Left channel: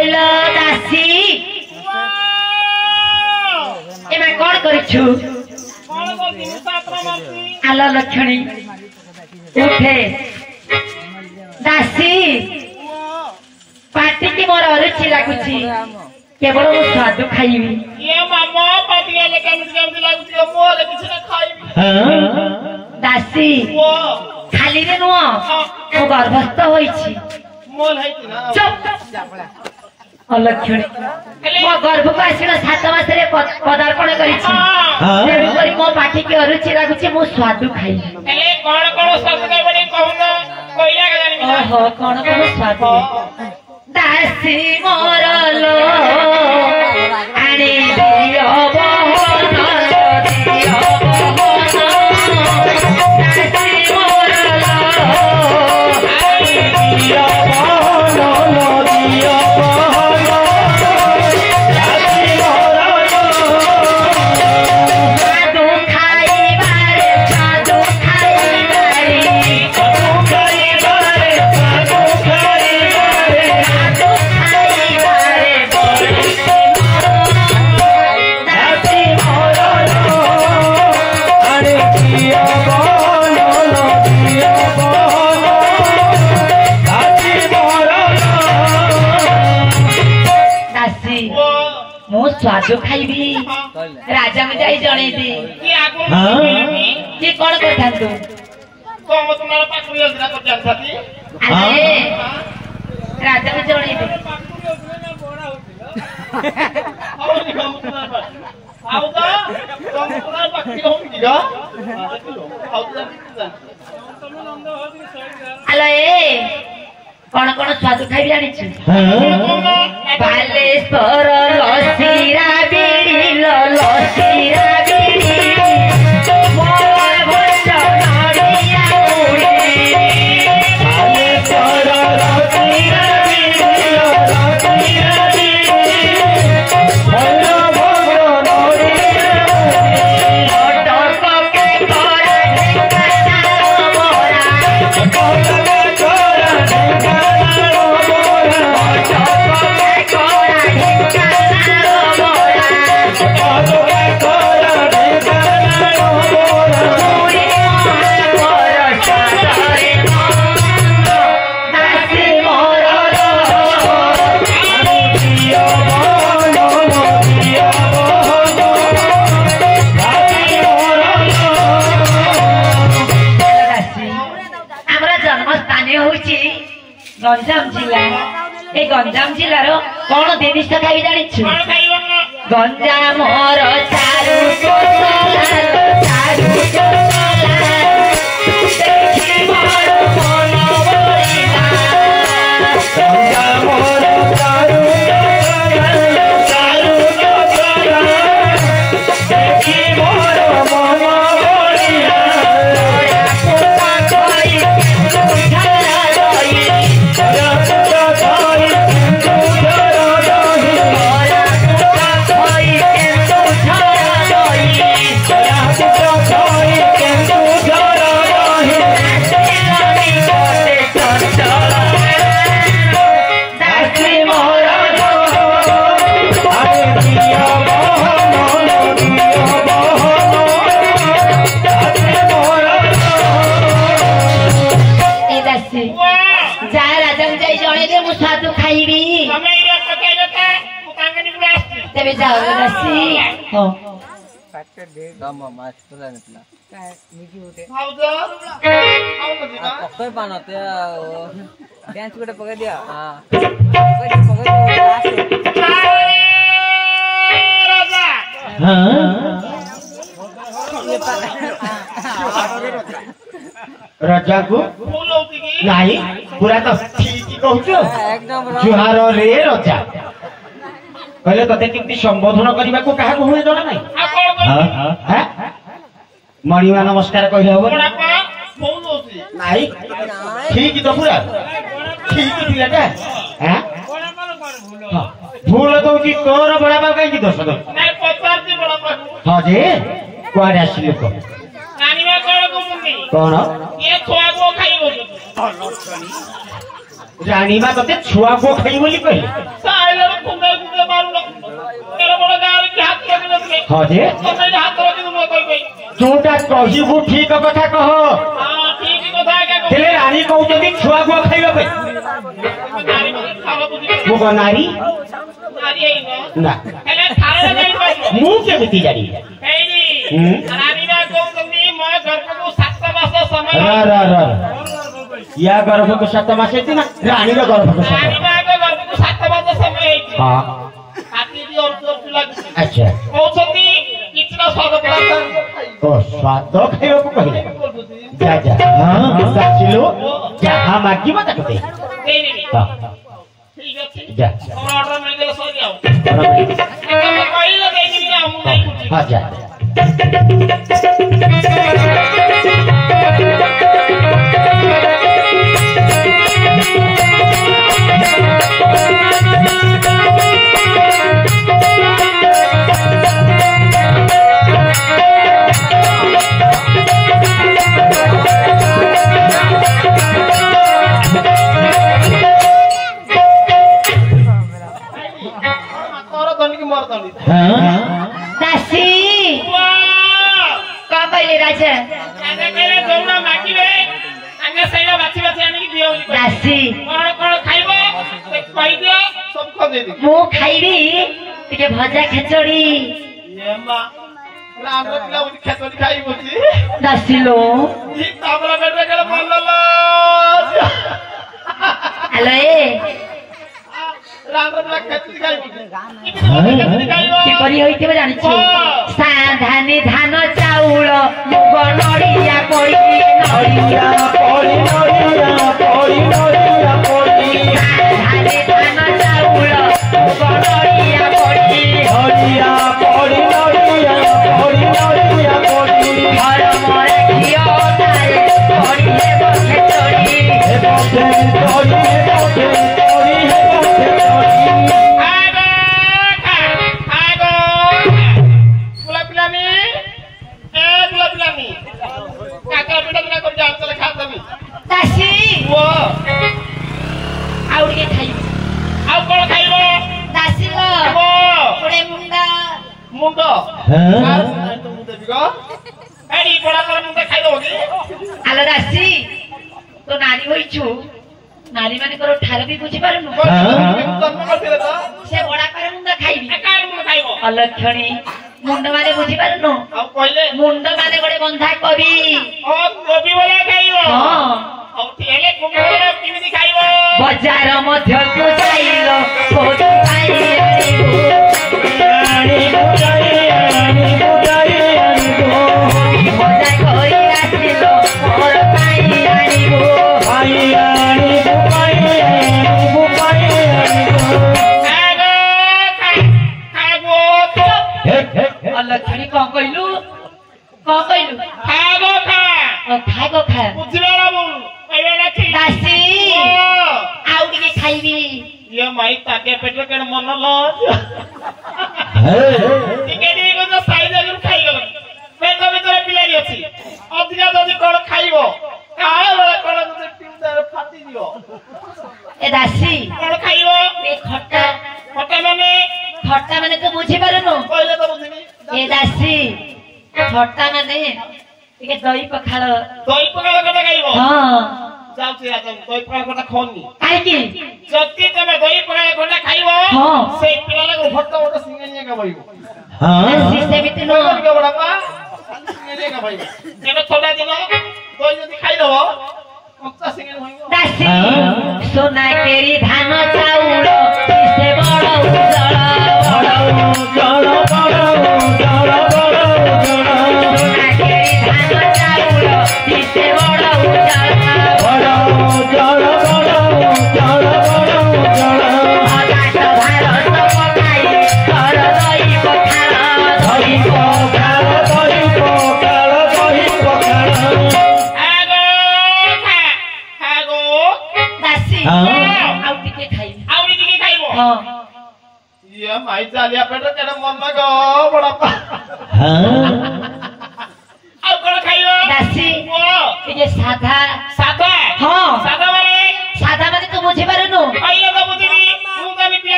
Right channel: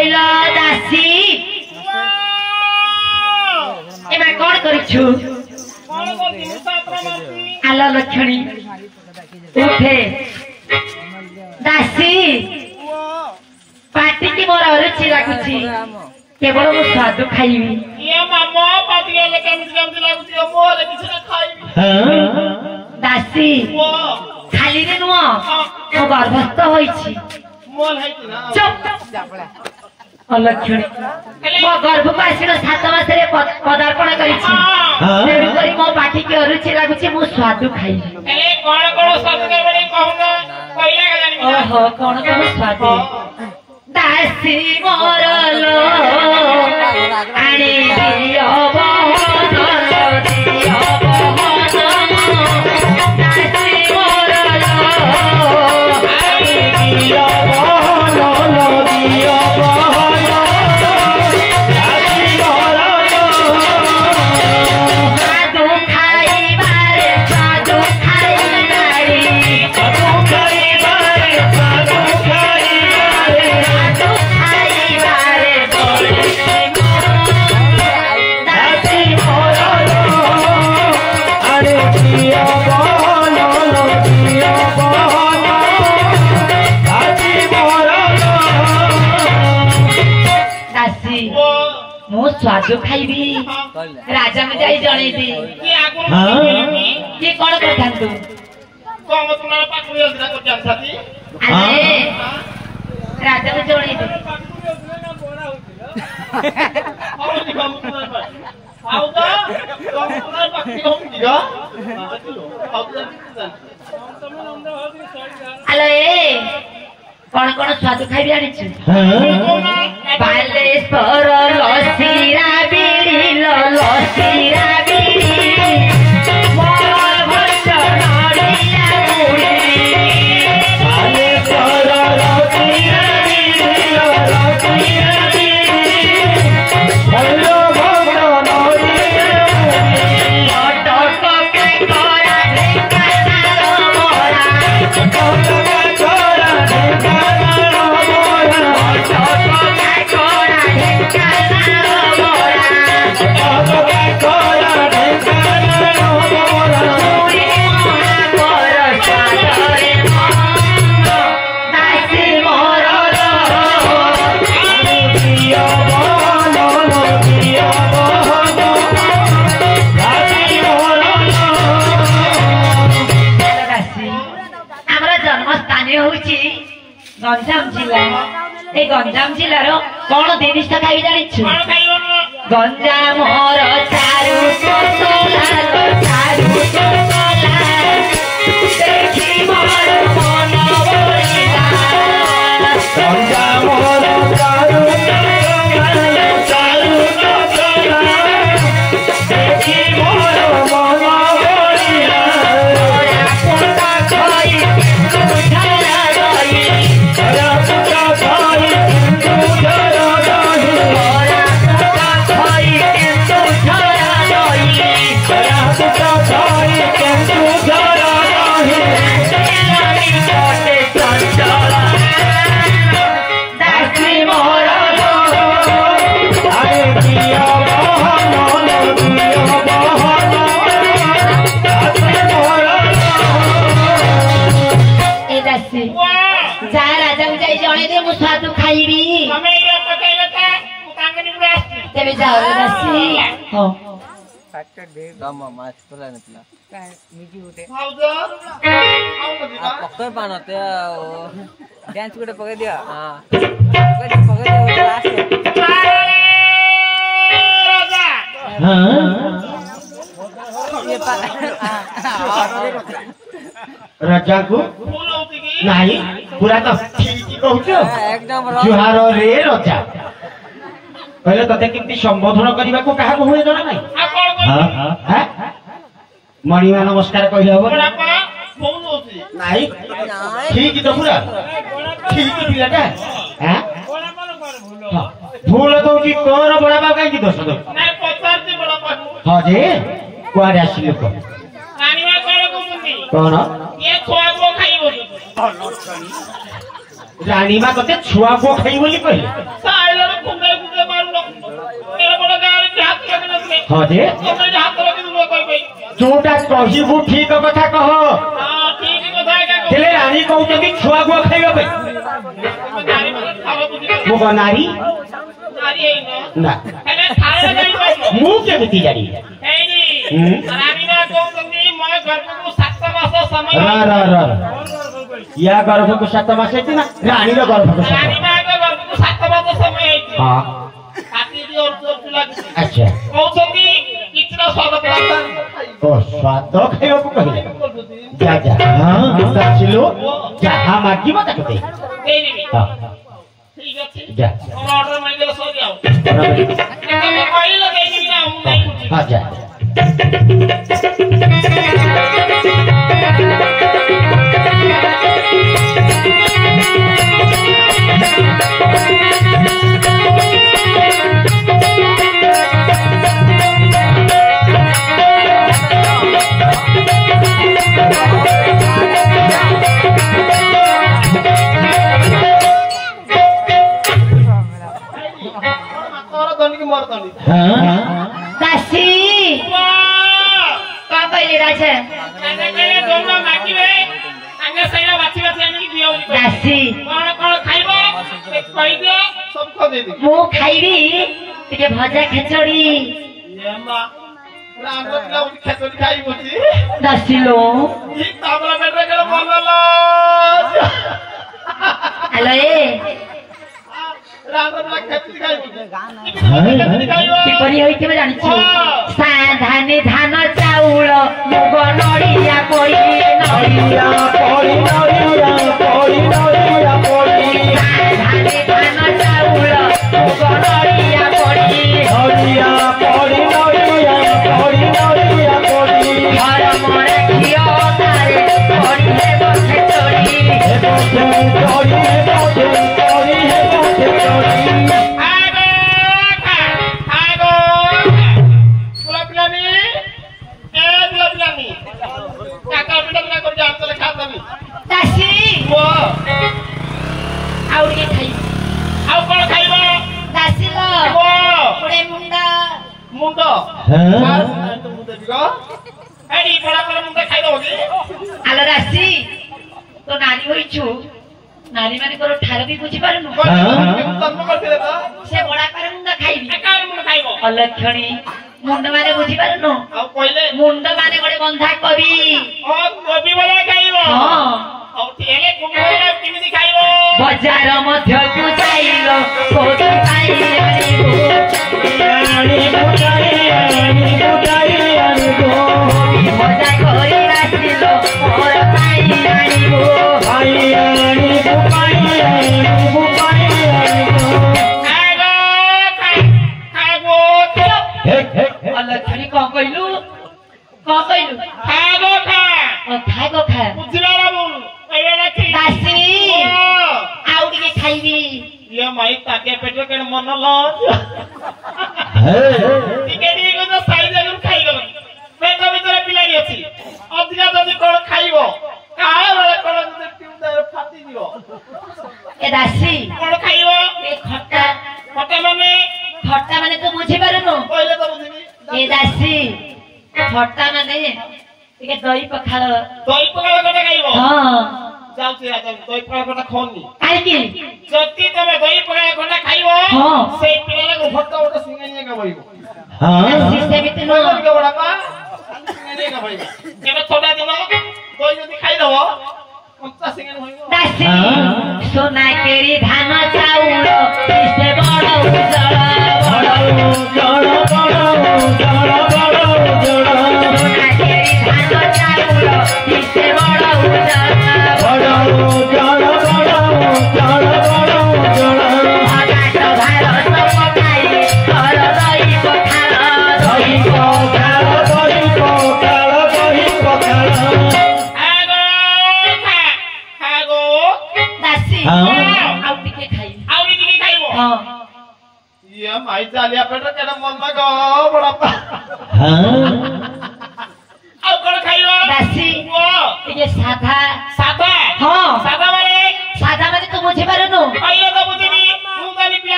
হইল দাসী এবার কোন করিছু আলো লক্ষ্মী উঠে দাসী पार्टी की मोर अरुचि लागुची केवल मु स्वाद खाइबी ये मामा पार्टी के लेके केमति लागुची मोर किछ न खाइबी दासी खाली रे नुआ मो गर्भस्थ होईची मोर हैती ना चुप अलक्षणी मो गर्भ पासिनो 7 मास रे पदार्पण करिछि सेबी करी मो पार्टी की अरुचि लागुची मु स्वाद खाइबी ए कोन कोन स्वाद खाइबे कहूना कोइला गलानी ओहो कोन कोन स्वाद दासी मोरलो आने दियो बहनो दियो बहनो दासी मोरलो आने दियो बहनो दियो बहनो दासी मोरलो साधु खाइबारे साधु खाइबारे साधु खाइबारे साधु खाइबारे स्वादु खाइबी राजा में जाई जणे दी ये कोन करथांतु कोम तुम्हारा पाखु योजना कर जानथाती अरे राजा में जणे दी बोड़ा होतिलो और नि हम तुम्हारा पास आउ तो तुम तुम्हारा पाखु होतिलो आउ तो तुम नंद होती अले कोन कोन स्वाद खाइ जानि छि बालेश्वर लसीरा बिड़ी लसीरा बिड़ी मोर भक्त नड़िया गुड़ी बालेश्वर लसीरा बिड़ी लसीरा बिड़ी मोर भक्त नड़िया अटक के तोरा गंजाम जिला ए गंजाम जिलार कौन जिनिस खाई जानी छु गंजाम मोर चारु कोसला चारु कोसला देखि मोर मन बइला गंजाम मोर चारु कोसला चारु कोसला देखि मोर मन बइला पुता खाई डांस गोटे पकड़ दिया राजा को नहीं पूरा तो ठीक कहूछ जुहार रे राजा कहले तते किंती संबोधन करबा को काहा हुए जणा नहीं हां मणिमा नमस्कार कहले हो नहीं ठीक तो पूरा ठीक पिलाटा हां भूल तो जी कोन बड़ा बा काई दोष दो नहीं पचार जी बड़ा बा हां जे कोआडे आसिलो को रानीवा कोन को मुंडी कोन ये छोआ को खाइबो रानीमा ना कते छुआ को खाई बोली कहले साइले कुंडे कुंडे मारुनो तेरे बड़ गारे के हाथ लगे नथले हां जे तमे हाथ लगे न कहि जोटा कहिबू ठीक कथा कह हां ठीक कथा का तेरे रानी कहते कि छुआ को खाइबा पे मुग नारी नारी है ना हेले खाए नहीं पाइबो मु के बिती जानी हेली रानी ना कहतनी म गर्भ को 7 मास समय रा या गर्भ को 7 मास है ना रानी रो गर्भ को 7 रानी ना गर्भ को 7 मास समय है हां काटी दी और जोर चला अच्छा कहतनी कितना स्वागत है ओ स्वाद खाइबा को कहले जा जा हां चिलो जहां मागी मत कहते हेली हां ठीक है जा और ऑर्डर में दे सो जाओ हां कोई लगे नहीं ना हम नहीं पूछी जा दासी का कहले राजा दासी मु खाइबी टिके भजा खेचड़ी दासी लो हेलो किपरि होइतिबे जानिछु साधानी धान चाउल मुग नडिया कोई नडिया कोई नडिया कोई नडिया कोई साधानी धान चाउल मुग नडिया कोई नडिया कोई नडिया कोई नडिया कोई घर मरे खियो तारे कोई हे बखे चोरी हे बखे कोई हे बखे कोई हे बखे चोरी आलो दासी तो नारी होइछु नारी माने करो ठार भी बुझी पारनु से बड़ा करे मुंडा खाइबी कार मुंडा खाइबो अलक्षणी मुंडा माने बुझी पारनु आ पहिले मुंडा माने बडे बंधा कवि ओ कवि वाला खाइबो हां औ तेले कुमोरे किमिति खाइबो बाजार मध्य को जाइलो सोद खाइलो लक्षणी कौन कहलु खागो खा बुझिला बोल पहिले राखी दासी आउ के खाइबी ये माई ताके पेटे के मन लज टिके दी को साइज अगर खाइ गलो पेट भीतर पिलाई अछि अधिका जदी कोन खाइबो काहे लगे कोन जदी ट्यूब फाटी दियो ए दासी कोन खाइबो ए खट्टा माने तो बुझी पारनु पहिले तो बुझिनी ए दासी खट्टा माने टिके दही पखाल कटा खाइबो हां जाउ से आज दही पखाल कटा खोनी काई की जति तमे दही पखाल कटा खाइबो हां से पिला को भत्ता ओटा सिंगानिया का भाइबो हां से बिते नो को बड़ापा सिंगानिया का भाइबो एबे थोड़ा दिन कोई जदी खाइ दबो कंचा सिंगानी होइबो दासी सोना केरी धान चाउल किसे बड़ा उजड़ माई जालिया पेट केना मम्मा गो बड़ापा हां आउ कोन खाइबो दासी ओ ये साधा हां साधा माने तो बुझी पारनु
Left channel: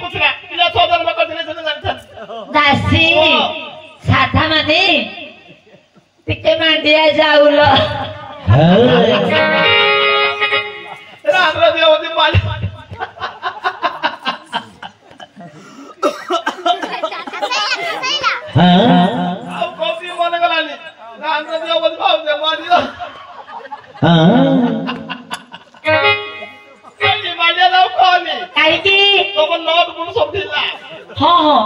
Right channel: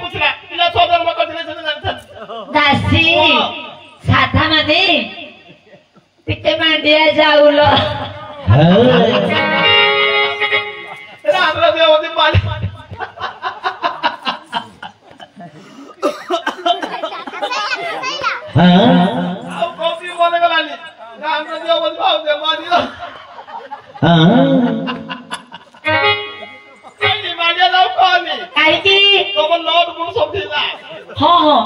ପୁଛଲା ପିଲା ଛଅ ଜନ୍ମ କରିଥିଲେ ସେ ଜାଣିଛନ୍ତି ଦାସୀ ସାଧା ମାନେ ଟିକେ ମାଣ୍ଡିଆ ଯାଉଲ ରାମର ଦିଅ ହଉଛି ପାଣି ଆଉ କବି ମନେ ଗଲାନି ରାମର ଦିଅ ହଉଛି ଭାଉଜ ମାଣ୍ଡିଆ ମାଣ୍ଡିଆ ଯାଉ କହନି କାହିଁକି ତମ ନୋଟ ଗୁଣ ସବୁ ହଁ ହଁ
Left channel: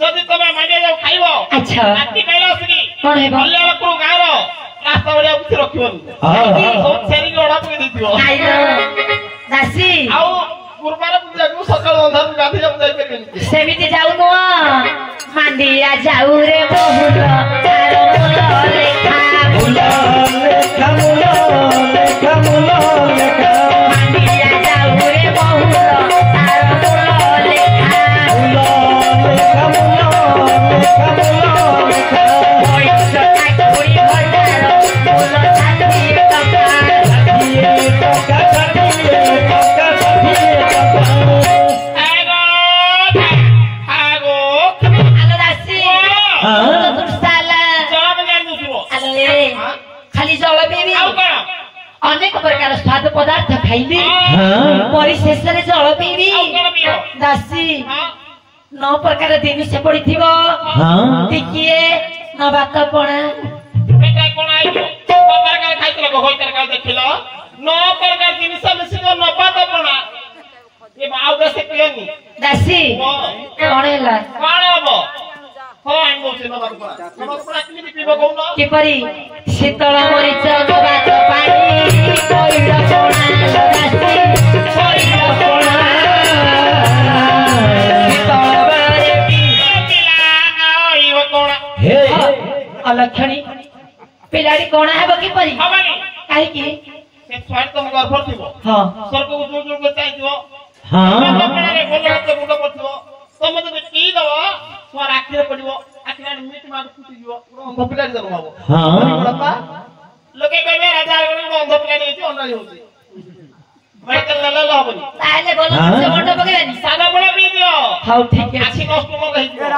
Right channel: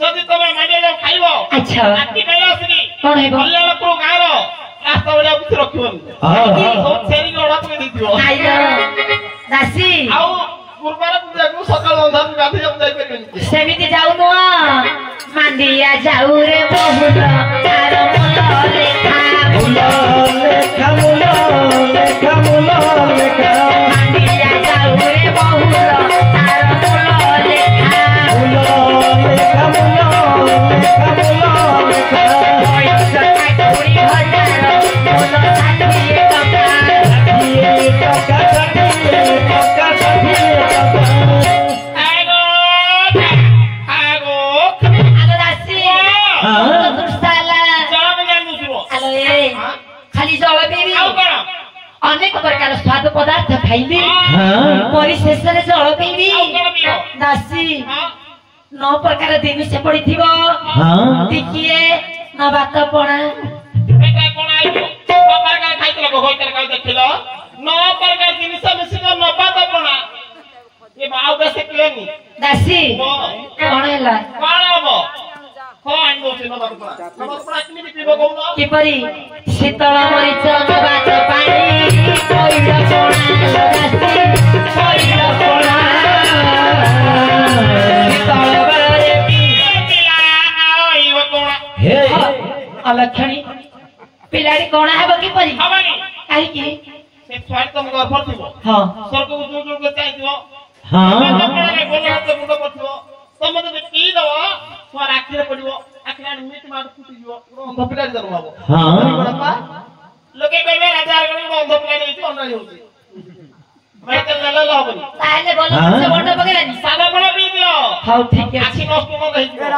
ଯଦି ତମେ ମାଣ୍ଡିଆ ଯାଉ ଖାଇବ ଆଚ୍ଛା ରାତି ପାଇଲା ଆସିନି କଣ ହେବ କଲ୍ୟାଣପୁର ଗାଁର ରାସ୍ତା ଭଳିଆ କିଛି ରଖିବନି ଛେରିକି ଅଡା ପକେଇ ଦେଇଥିବ ଦାସୀ ଆଉ ଗୁରୁବାର ପୂଜାକୁ ସକାଳ ଅନ୍ଧାରୁ ଗାଧୋଇବାକୁ ଯାଇପାରିବେନି ସେମିତି ଯାଉ ନୁହଁ ମାଣ୍ଡିଆ ଯାଉ ରେ ବହୁଲ ତାର ମୂଳ ଲେଖା ମାଣ୍ଡିଆ ଯାଉ ରେ ବହୁଲ ତାର ମୂଳ ଲେଖା ଖାଲି ଜଳ ପିଇବି ଅନେକ ପ୍ରକାର ସ୍ୱାଦ ପଦାର୍ଥ ଖାଇବି ପରିଶେଷରେ ଜଳ ପିଇବି ଦାସୀ 9 ପ୍ରକାର ଜିନିଷ ପଡିଥିବ ଟିକିଏ ନ ଭାତ ପଣା ଦେଖିଲ 9 ପ୍ରକାର ଜିନିଷ ମିଶିବ ନବାତ ପଣା ଏ ଆଉ ବେଶୀ ପିଏନି ଦାସୀ କଣ ହେଲା କଣ ହବ ହଁ ଆଣିଦଉଛି ନବାତ ପଣା କେମିତି ପିଇବ କହୁନ କିପରି ଶୀତଳ ମରିଚ ନବାତ ପାଣି ପଇଡ଼ ପଣା ଦାସୀ ପଇଡ଼ ପଣା ଶୀତଳ ବେଳରେ ଅଲକ୍ଷଣୀ ପିଲାଟି କଣ ହେବ କିପରି କାହିଁକି ସେ ଛୁଆଟି ତମ ଗର୍ଭ ଥିବ ହଁ ସ୍ୱର୍ଗକୁ ଯୋଉ ଯୋଉ ଚାହିଁଥିବ ତମେ ଯଦି ପିଇଦବ ଛୁଆ ଆଖିରେ ପଡିବ ଆଖିରେ ମିଟ୍ ମାଟ ଫୁଟିଯିବ ଅନ୍ଧ ପିଲାଟି ଜନ୍ମ ହବ ଲୋକେ କହିବେ ରାଜା ଅନ୍ଧ ପିଲାଟି ହେଇଛି ଅଣ୍ଡାଳି ହଉଛି ହବନି ତାହେଲେ ଭଲ ମଣ୍ଡ ପକେଇବାନି ସାଧା ପଣା ପିଇ ଦିଅ ହଉ ଠିକ ଅଛି ଆଖି ନଷ୍ଟ ହେଇଯିବ